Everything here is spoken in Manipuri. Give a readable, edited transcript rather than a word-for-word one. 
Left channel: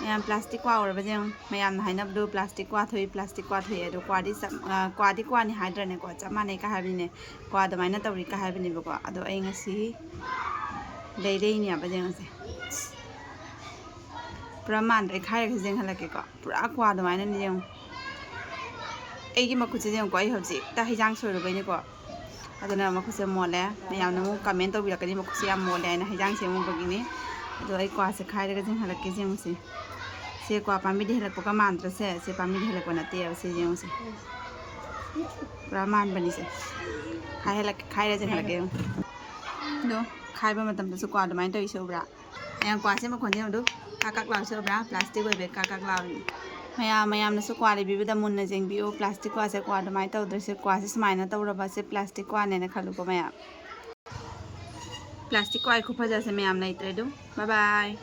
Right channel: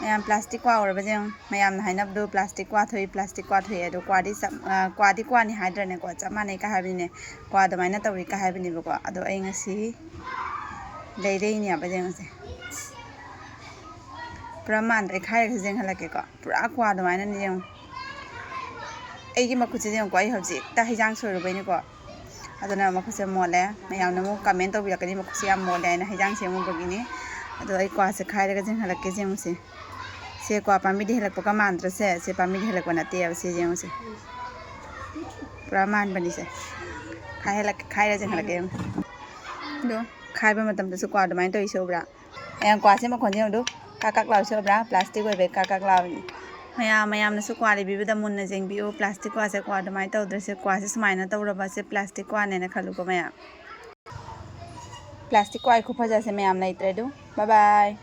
mayam plastic kwa or bajeng mayam na hainap do plastic kwa thoi do kwa ni hydra ne ko chama ne ka habine kwa do maina tawri ka habine ba ko ado ai ngasi dei ni bajeng se praman ai khai ka jeng halake ko pura kwa do maina ni jeng ai gi makhu jeng ko ai hobji ta hijang so ro bai ni ko aduna makhu se mole mayam na mu comment to bi la kani makhu se am mole na hijang se mu bagini ado ai kwa se khai ka jeng halake jeng se se kwa pami de helak poka mantra se pami de helak na te se jeng se praman bani se khai ra jeng halak do khai ba matam da su kwa da main to iso bra ayang kwa se ma khon jeng do kakak law so bra plastic wei be kakak law mayam na su kwa le bi da mun na jeng bi o plastic kwa se kwa da main to dre se kwa se smai na to ra ba se plastic kwa ne na khalu ko mayam plastic kwa ai khu phaja se mayam nai tre do bye bye